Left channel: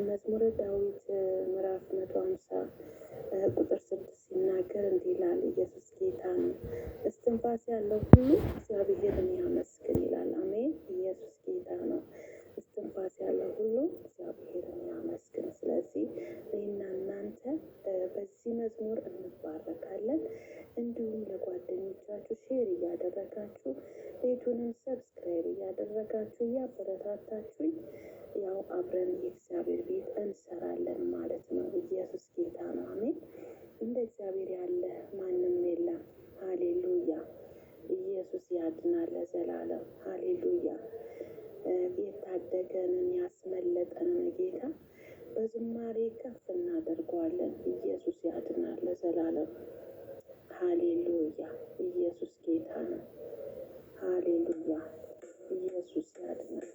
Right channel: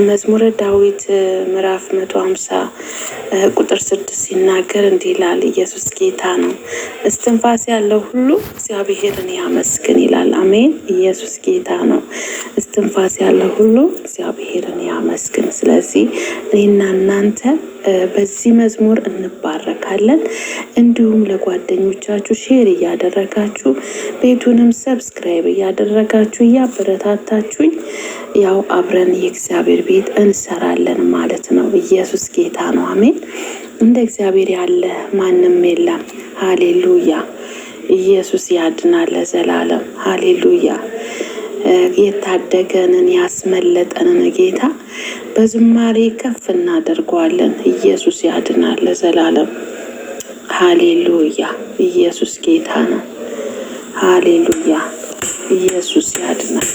መዝሙረ ዳዊት ምዕራፍ 150 ቁጥር 6 ሲናገር እንዲህ ይላል፣ ኢየሱስ ጌታ ነው፣ እስትንፋስ ያለው ሁሉ እግዚአብሔርን ያመስግን ይላል። አሜን። ኢየሱስ ጌታ ነው፣ እስትንፋስ ያለው ሁሉ እግዚአብሔርን ያመስግን። ስለዚህ እኔና እናንተ በዚህ መዝሙር እንባረካለን። እንዲሁም ለጓደኞቻችሁ ሼር እያደረጋችሁ ቤቱንም ሰብስክራይብ እያደረጋችሁ እያበረታታችሁኝ ያው አብረን የእግዚአብሔር ቤት እንሰራለን ማለት ነው። ኢየሱስ ጌታ ነው። አሜን። እንደ እግዚአብሔር ያለ ማንም የለም። ሃሌሉያ። ኢየሱስ ያድናል ለዘላለም። ሃሌሉያ። የታደገንን ያስመለጠንን ጌታ በዝማሬ ከፍ እናደርገዋለን። ኢየሱስ ያድናል ለዘላለም። ሃሌሉያ። ኢየሱስ ጌታ ነው። ሃሌሉያ። ኢየሱስ ያድናል።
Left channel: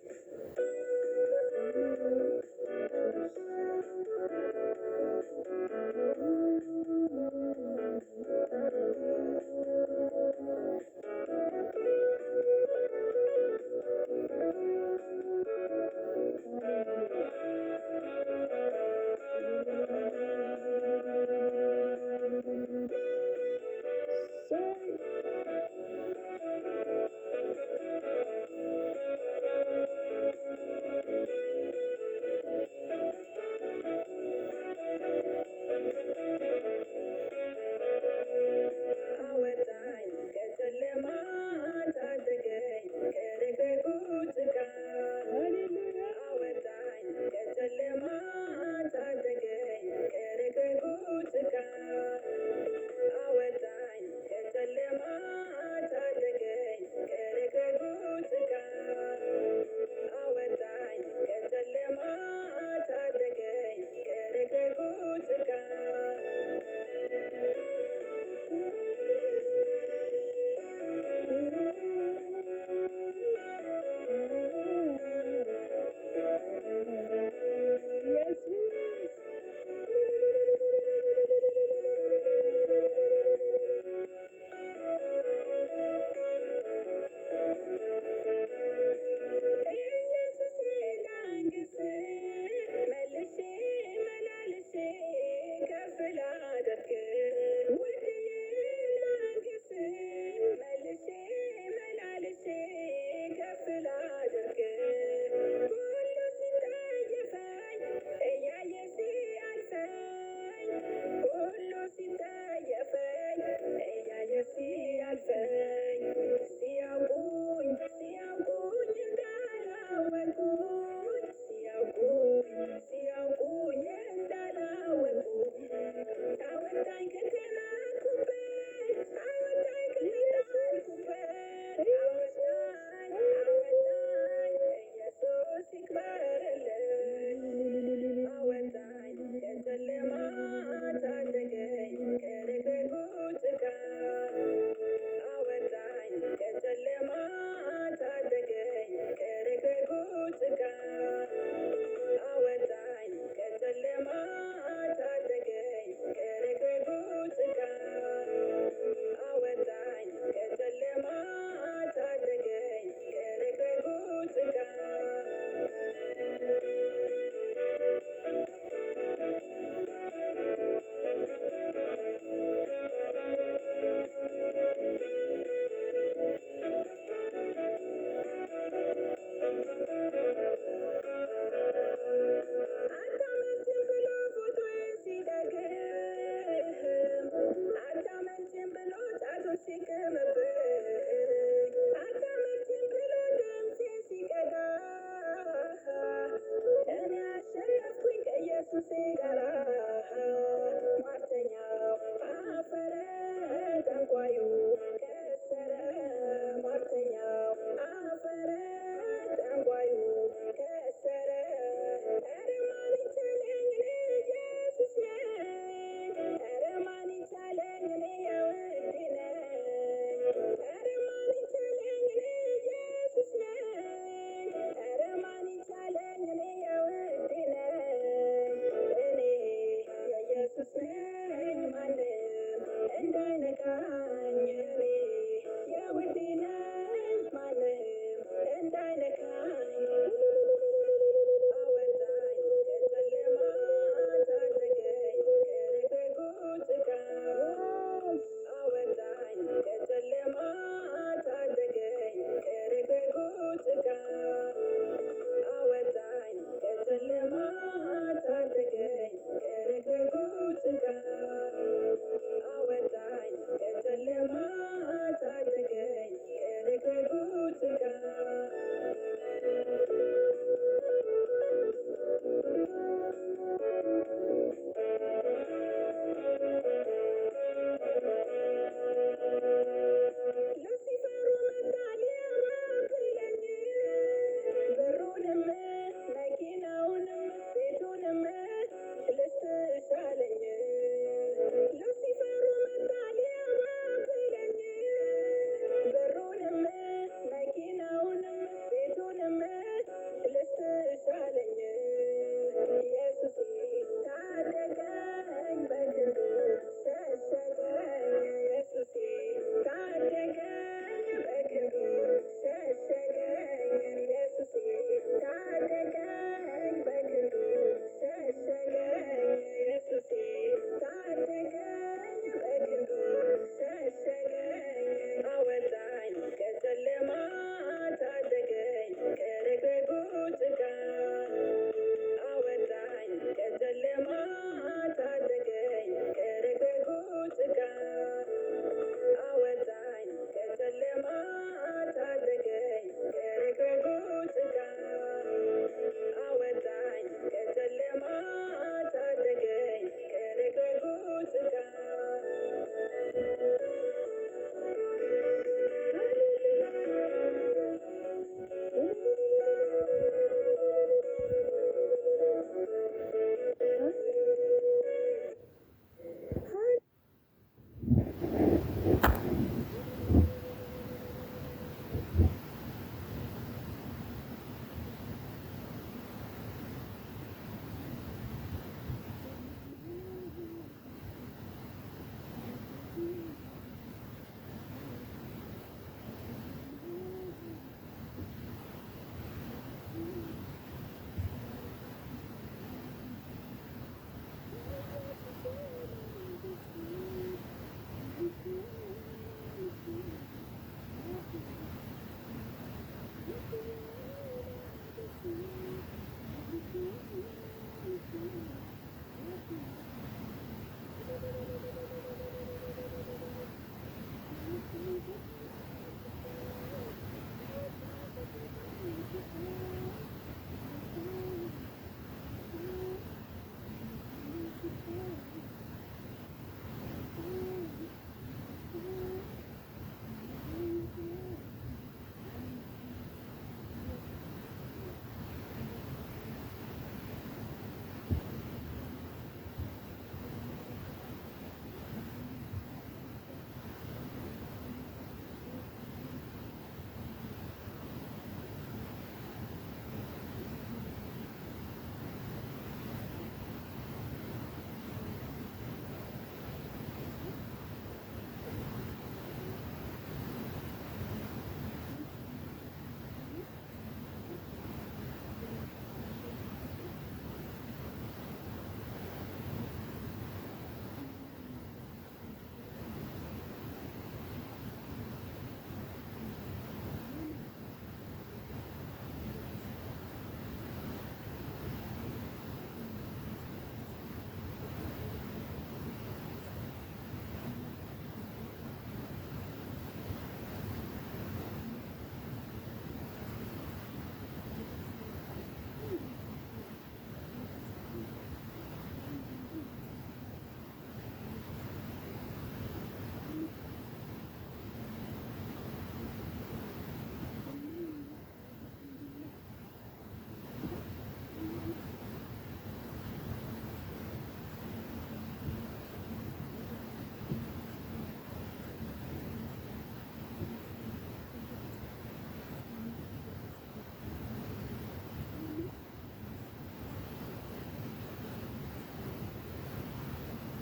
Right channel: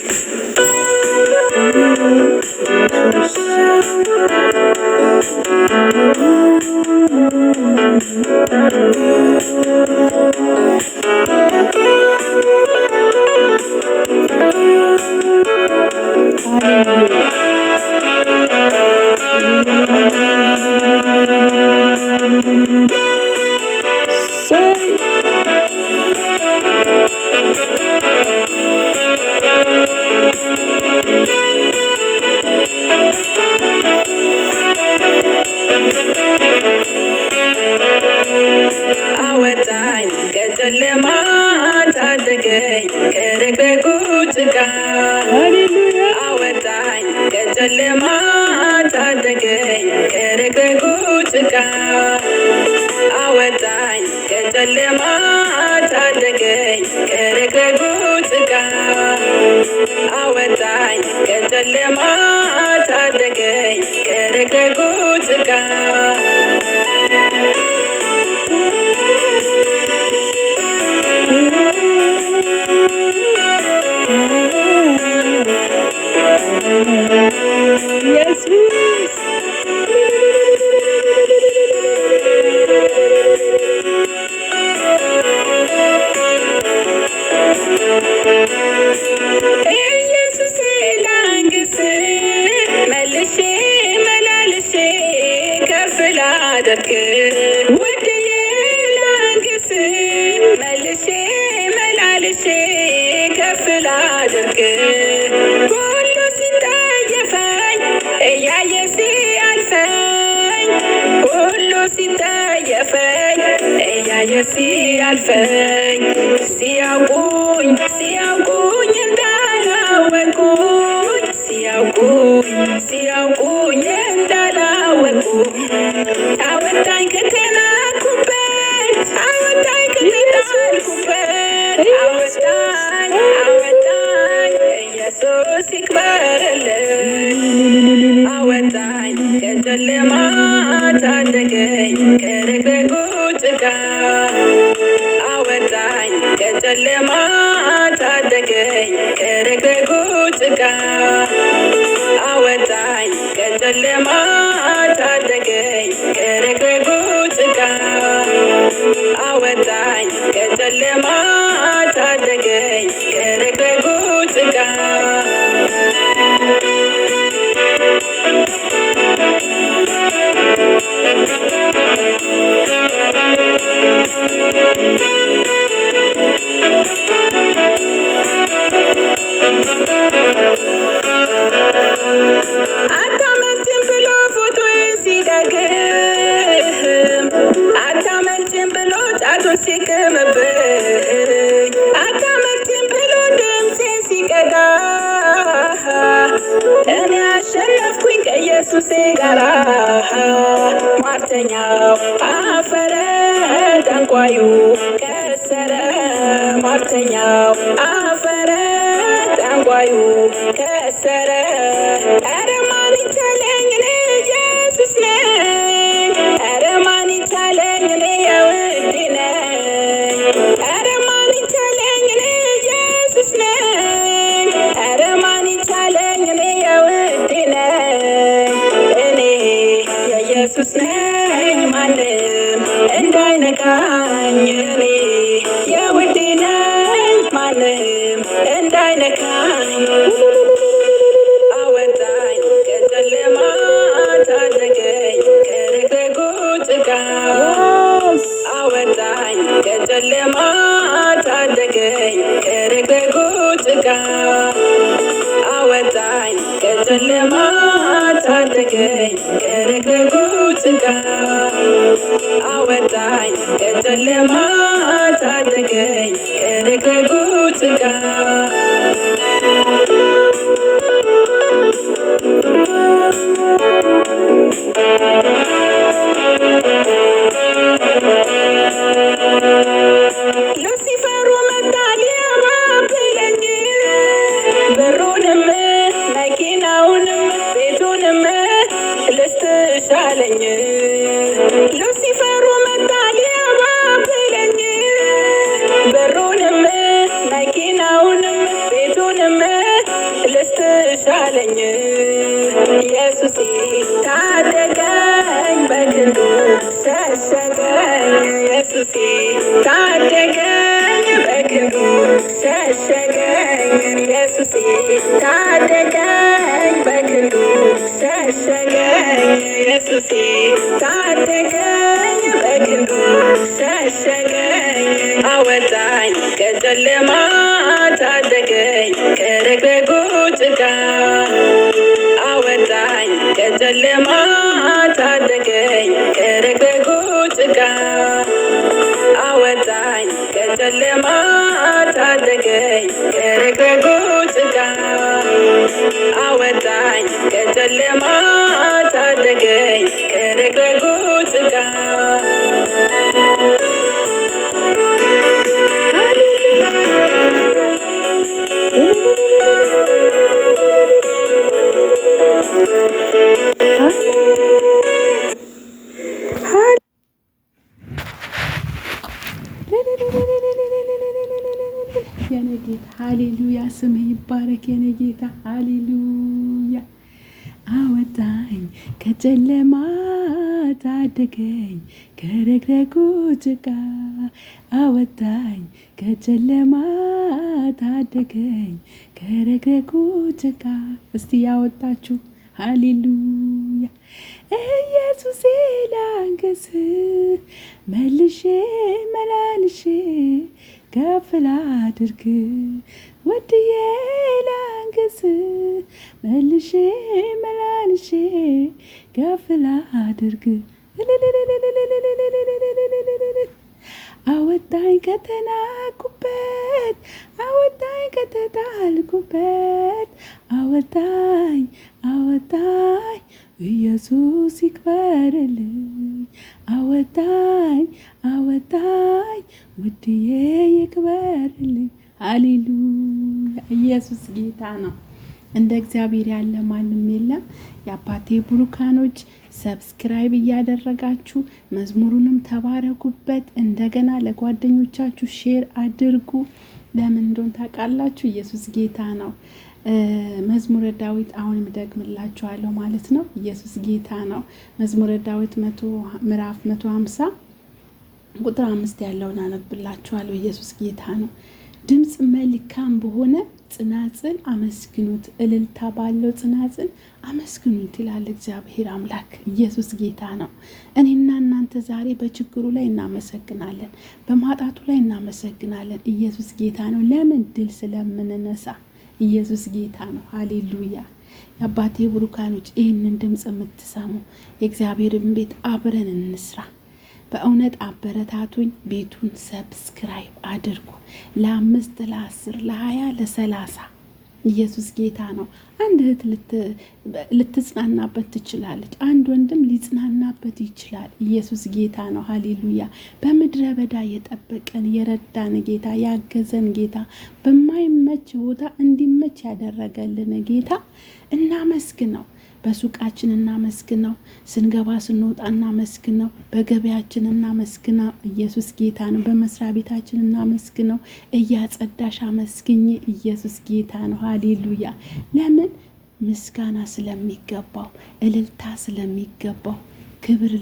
አወጣኝ ከጨለማ ታደገኝ ከረግረጉ ጭቃ። አወጣኝ ከጨለማ ታደገኝ ከረግረጉ ጭቃ። አወጣኝ ከጨለማ ታደገኝ ከረግረጉ ጭቃ። አወጣኝ ከጨለማ ታደገኝ ከረግረጉ ጭቃ። ሲያልፈኝ ሲያውቁኝ እንዳላወቁኝ ሲያውቁኝ እንዳላወቁኝ አወጣኝ ከተናኩበት አወጣኝ ኢየሱስ ይክበርልኝ። አወጣኝ ከጨለማ ታደገኝ ከረግረጉ ጭቃ። አወጣኝ ከጨለማ ታደገኝ ከረግረጉ ጭቃ። አወጣኝ ከጨለማ ታደገኝ ከረግረጉ ጭቃ። አወጣኝ ከጨለማ ታደገኝ ከረግረጉ ጭቃ። አታመልጭም ብሎ ፎቶዬን ሲደግም፣ አታመልጭም ብሎ ጫቱን ሲቅምብኝ፣ አታመልጭም ብሎ ድምፄን ሲቀዳ፣ እኔ አሸነፍኩኝ ከኢየሱሴ ጋራ። ሟርተኛው አፈረ፣ ጠንቋዩ ከሰረ። ሟርተኛው አፈረ፣ ጠንቋዩ ከሰረ። ኧረ ማን ይቻለኝ እኔ ኢየሱስ ነኝ። ኧረ ማን ይቻለኝ እኔ የውዴ ነኝ። ኧረ ማን ይቻለኝ እኔ ኢየሱስ ነኝ። ኧረ ማን ይቻለኝ እኔ የውዴ ነኝ። እኔ የኢየሱስ ነኝ ማንም እንዳይነካኝ። እኔ የውዴ ነኝ ማንም እንዳይነካኝ። አወጣኝ ከጨለማ ከጨለማ ታደገኝ ከረግረጉ ጭንቀት አወጣኝ ከጨለማ ታደገኝ ከረግረጉ ጭንቀት ሉሲፈሩ መጣ ሊያባብለኝ በሩንም መኪናውንም ቤቱንም ልስትሻለኝ ሉሲፈሩ መጣ ሊያባብለኝ በሩንም መኪናውንም ቤቱንም ልስትሻለኝ ኢየሱስ ታደገኝ በክንዱ ሸሸገኝ ኢየሱስ ታደገኝ በክንዱ ሸሸገኝ ኢየሱስ ታደገኝ በክንዱ ሸሸገኝ ኢየሱስ ታደገኝ በክንዱ ሸሸገኝ አወጣኝ ከጨለማ ታደገኝ ከረግረጉ ጭቃ አወጣኝ ከጨለማ ታደገኝ ከረግረጉ ጭቃ አወጣኝ ከጨለማ ታደገኝ ከረግረጉ ጭቃ አወጣኝ ከጨለማ ታደገኝ ከረግረጉ ጭቃ የኔ ጌታ ሃሌሉያ፣ ስምህ ይባረክ የኔ ጌታ ሃሌሉያ። አወጣኝ ከጨለማ ታደገኝ ከረግረጉ ጭቃ አወጣኝ ከጨለማ ታደገኝ ከረግረጉ ጭቃ። እስቲ ያወጣችሁ ሃሌሉያ። ኢየሱሴ ላንግስ መልሼ መላልሼ ከፍ ላድርግ ወድዬ ላንግስ መልሼ መላልሼ ከፍ ላድርግ። አወጣኝ ከተናኩበት አወጣኝ ከተጣልኩበት አወጣኝ አወጣኝ ኢየሱስ ይክበርልኝ። አወጣኝ አወጣኝ ውድዬ ይክበርልኝ። ሃሌሉያ ኢየሱስ ጌታ ነው። እንደ እግዚአብሔር ያለ ማንም የለም። የአባቴ ብሩካኖች ሰብስክራይብ እያደረጋችሁ መዝሙሩንም ተባረኩበት። እንደገና ለጓደኞቻችሁ ሼር አድርጉ። ለምን እንደሆነ ታውቃላችሁ? ኢየሱስ ጌታ ነው። መዝሙረ ዳዊት አሁን ደግምላችኋለሁ ማለት ነው። ኢየሱስ ጌታ ነው። መዝሙረ ዳዊት ምዕራፍ 150 ቁጥር 5 ያለውን አነብላችኋለሁ። ኢየሱስ ጌታ ነው። ድምፅ መልካም በሆነ ጽናጽል አመስግኑት፣ እልልታ ባለው ጽናጽል አመስግኑት ይላል እግዚአብሔር አምላክ። ኢየሱስ ጌታ ነው። እኔና እናንተ ዛሬ በችግሩ ላይ እናመሰግናለን፣ በማጣቱ ላይ እናመሰግናለን። ኢየሱስ ጌታ ነው። ለምን? ድል ስለምንነሳ። ኢየሱስ ጌታ ነው። ሃሌሉያ። የአባቴ ብሩካኖች ይህንን ድምፅ የምትሰሙ የእግዚአብሔርን ቤት አብረን እንስራ። በእውነት አበረታቱኝ። ቤቱን ሰብስክራይብ አድርጉ። ለ5 ለ10 ለ20 ለ30 ኢየሱስ ጌታ ነው። አንድ እህት ልትጽናናበት ትችላለች። አንድ ወንድም ሊጽናናበት ይችላል። ኢየሱስ ጌታ ነው። ሃሌሉያ። በምድረ በዳ የጠበቀን የረዳን ጌታ፣ ያገዘን ጌታ፣ በማይመች ቦታ እንዲመች ያደረገልን ጌታ እናመስግነው። በሱቃችን እናመስግነው። ስንገባ ስንወጣ እናመስግነው። በገበያችን እናመስግነው። ኢየሱስ ጌታ ነው። በመስሪያ ቤታችን እናመስግነው። እያጸዳሽ አመስግኝ። ኢየሱስ ጌታ ነው። ሃሌሉያ። ለምን? ምስጋና ስለሚገባው፣ እልልታ ስለሚገባው። ክብር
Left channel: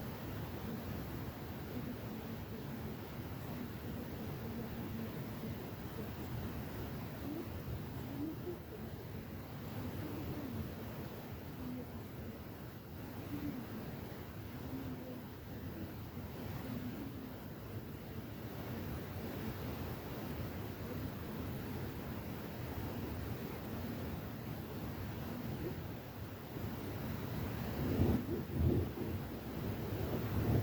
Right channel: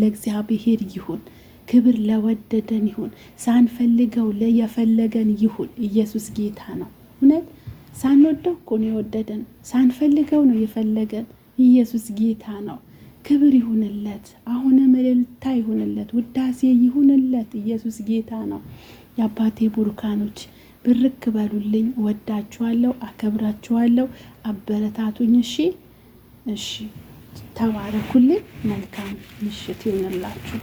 ለእግዚአብሔር ይሁን። ክብር ለወደደን ይሁን። ሳንፈልገው የፈለገን ይሁን። ኢየሱስ ጌታ ነው። እውነት ሳንወደው እኮ ነው የወደደን። ሳንፈልገው ነው የፈለገን። ኢየሱስ ጌታ ነው። ክብር ይሁንለት። አሁንም እልልታ ይሁንለት። ውዳሴ ይሁንለት። ኢየሱስ ጌታ ነው። የአባቴ ቡሩካኖች ብርክ በሉልኝ። ወዳችኋለሁ፣ አከብራችኋለሁ። አበረታቱኝ። እሺ ተባረኩልኝ። መልካም ምሽት ይሁንላችሁ።